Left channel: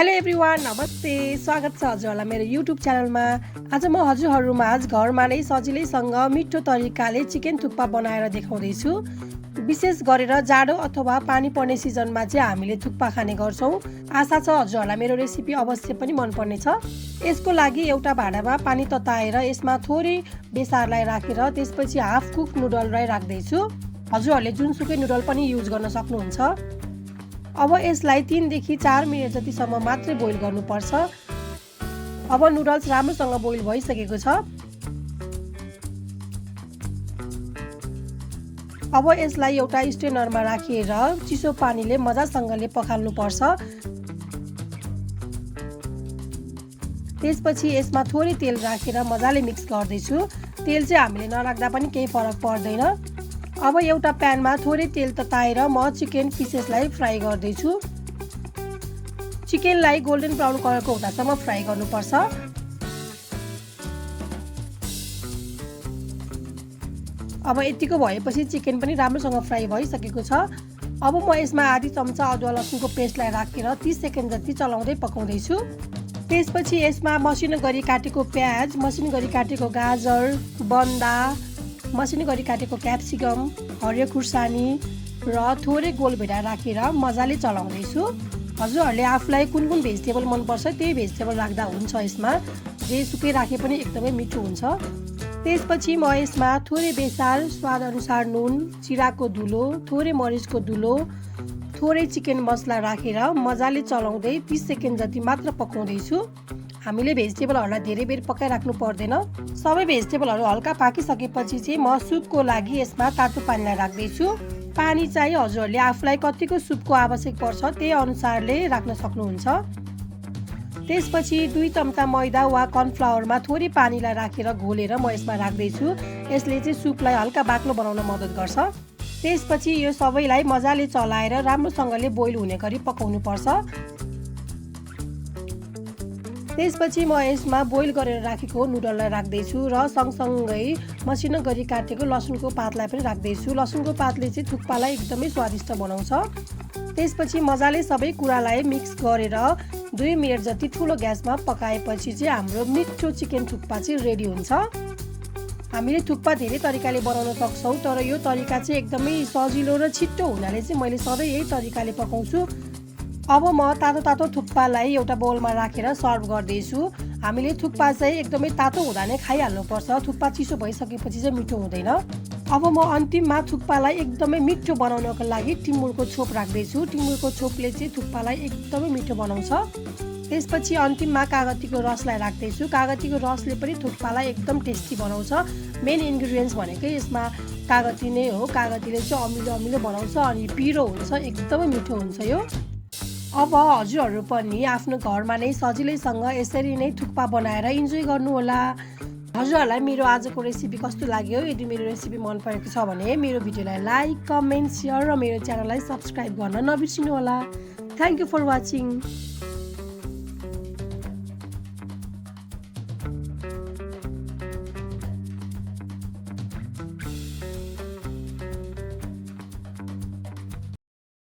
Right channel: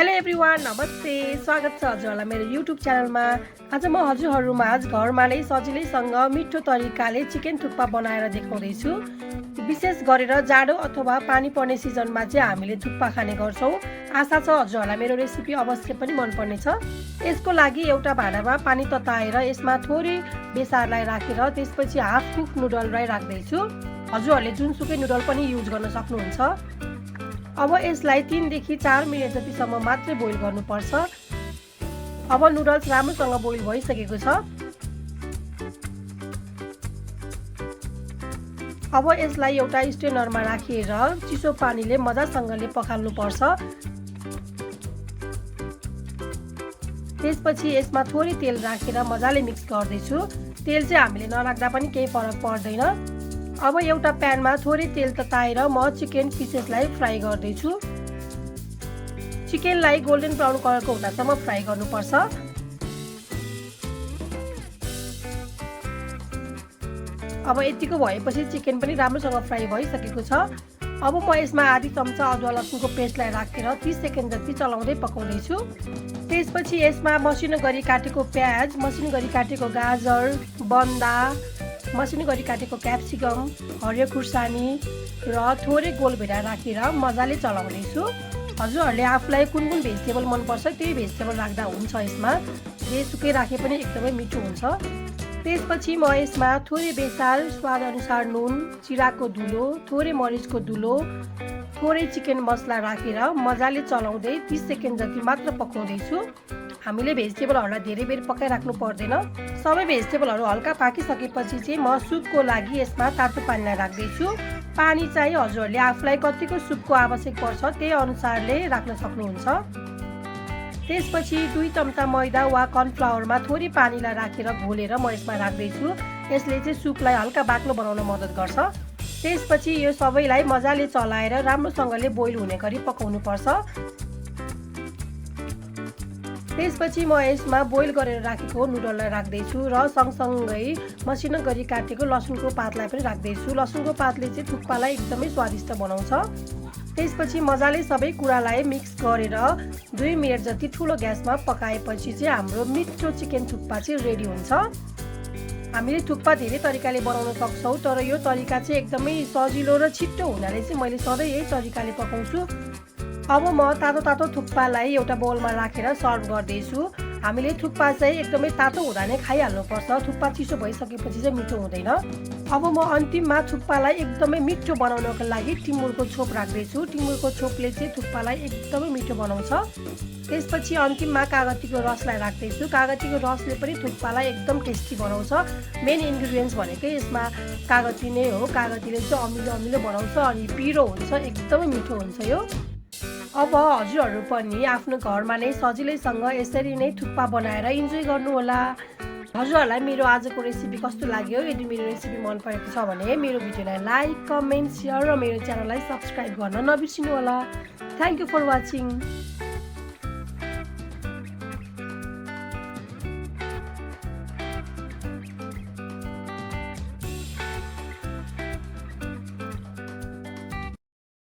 Hello everyone, नमस्ते। स्वागत छ हजुरहरूलाई मेरो युट्युब च्यानलमा। आज म हजुरहरूमाझ घरमा नै सजिलैसँग मिठो तरिकाले चिकन थुक्पा बनाएर देखाउँदैछु। विशेष गरेर जाडो अथवा पानी पर्ने सिजनमा चाहिँ हामीले थुक्पा खाने गर्छौँ। आशा छ हजुरहरूलाई मेरो रेसिपी अवश्य पनि मनपर्नेछ। यसको लागि एउटा भाँडामा पानी तताएर यसमा थोरै बेसारलाई राखेर त्यसपछि हाफ कुक नुडललाई राख्दैछु। हजुरहरूले जुनसुकै नुडल पनि युज गर्न सक्नुहुन्छ। अब यसलाई 3 देखि 4 मिनेट जतिसम्म मात्रै बोइल गर्नुपर्छ। अब नुडल्स राम्रोसँग बोइल भइसकेको छ। अब यसलाई एउटा स्ट्रेनरमा राखेर चिसो पानीले मजासँगले पखाल्नुपर्छ। त्यसपछि यसमा थोरै तेल राखेर मजाले मिक्स गर्दैछु। तेल चाहिँ हामीले नराख्दा पनि केही फरक पर्दैन। अब एउटा प्यानमा थोरै तेल तताएर म चिकन पिसेसलाई फ्राई गर्दैछु। चिकनलाई गोल्डन ब्राउन कलरको हुँदासम्म फ्राई गर्नुपर्छ। अब यतिको भएपछि चिकन पनि राम्रोसँग फ्राई भइसकेको छ। अब म यसमा आधी चम्चा अदुवा लसुनको पेस्टलाई राखेर 30 सेकेन्ड जति चलाउँदै पकाउँदैछु। त्यसपछि यसमा मसिनो गरी काटेको प्याज, मसिनो गरी काटेको गाजर, बन्दा, मसिनो गरी काटेको क्याप्सिकम, हरियो खुर्सानी र थोरै गोलभेडा राखेर मजाले चलाउँदैछु। हजुरहरूले आफूलाई कुन कुन भेजिटेबल मनपर्छ त्यही भेजिटेबल राख्दा हुन्छ। यसमा जेसुकै राखे पनि एकदमै मिठो हुन्छ। त्यसपछि म यसमा थोरै बेसार, स्वाद अनुसार नुन, जिराको धुलो, थोरै मरिचको धुलो, थोरै चिकन मसला राखेर मजाले चलाउँदै 30 सेकेन्ड जति मात्र पकाउँदैछु। हामीले भेजिटेबलहरूलाई धेरै बेर पकाइराख्नु पर्दैन। सबै भेजिटेबलहरू हल्का पाकिसकेपछि चाहिँ म सुपको लागि यसमा तातो पानीलाई राख्दैछु। पानी चाहिँ हजुरहरूले आफूलाई कतिको सुपको आवश्यक पर्छ त्यही अनुसारले राख्न सक्नुहुन्छ। त्यसपछि 2 चम्चा मैदा वा कर्नफ्लावरमा थोरै पानीलाई राखेर घोलेर म यसमा राख्दैछु। यसले चाहिँ सुपलाई हल्का बाक्लो बनाउन मद्दत गर्छ। त्यसपछि यो सबैलाई मजाले चलाएर राम्रोसँगले बोइल हुने गरी पकाउनुपर्छ। त्यसपछि म यसमा बोइल गरेर राखेको नुडललाई राख्दैछु र सँगसँगै मसिनो गरी काटेको लसुनको पातलाई पनि राख्दैछु। लसुनको पातले चाहिँ थुक्पालाई एकदमै स्वादिष्ट बनाउँछ। त्यसपछि मजाले सबै कुरालाई मिक्स गरेर 2 मिनेट जति ठुलो ग्यासमा पकाएपछि चाहिँ हाम्रो मिठो चिकन थुक्पा चाहिँ रेडी हुन्छ। हामीले थुक्पा धेरै तरिकाले बनाउन सक्छौँ, तर यो तरिका चाहिँ एकदमै सजिलो र छिट्टो हुनाले चाहिँ मैले सधैँ यही तरिकाले पकाउँछु। अब म तातो तातो थुक्पालाई एउटा बोलमा राखेर सर्भ गर्दैछु। हामीले थुक्पा चाहिँ एकदमै तातो हुँदा नै खाइहाल्नुपर्छ। थुक्पा चिसो भइसकेपछि चाहिँ मिठो हुँदैन। अब म अन्तिममा थुक्पालाई एकदमै मिठो बनाउनको लागि टिमुरको छोप राख्दैछु। टिमुरको छोपले चाहिँ थुक्पालाई एकदमै मिठो बनाउँछ। त्यसपछि अन्तिममा कागतीको रसलाई राख्दैछु। कागतीको रसले पनि थुक्पालाई एकदम टेस्टी बनाउँछ। मेन इन्ग्रिडियन्ट्स भनेकै यसमा कागती नै हो। कागतीले चाहिँ अमिलो अमिलो बनाउँछ अनि पिरो हुन्छ, एकदमै मिठो हुन्छ यो। अब हजुरहरू पनि आफ्नो घरमा नै सजिलैसँग यसरी नै थुक्पा बनाएर इन्जोय गर्नुहोला। हजुरहरूलाई मेरो आजको रेसिपी कस्तो लाग्यो? यदि मेरो रेसिपी मन परेको छ भने मेरो भिडियोलाई लाइक, कमेन्ट, सेयर र मेरो च्यानललाई सब्सक्राइब गर्न नबिर्सिनु होला। Thank you for watching.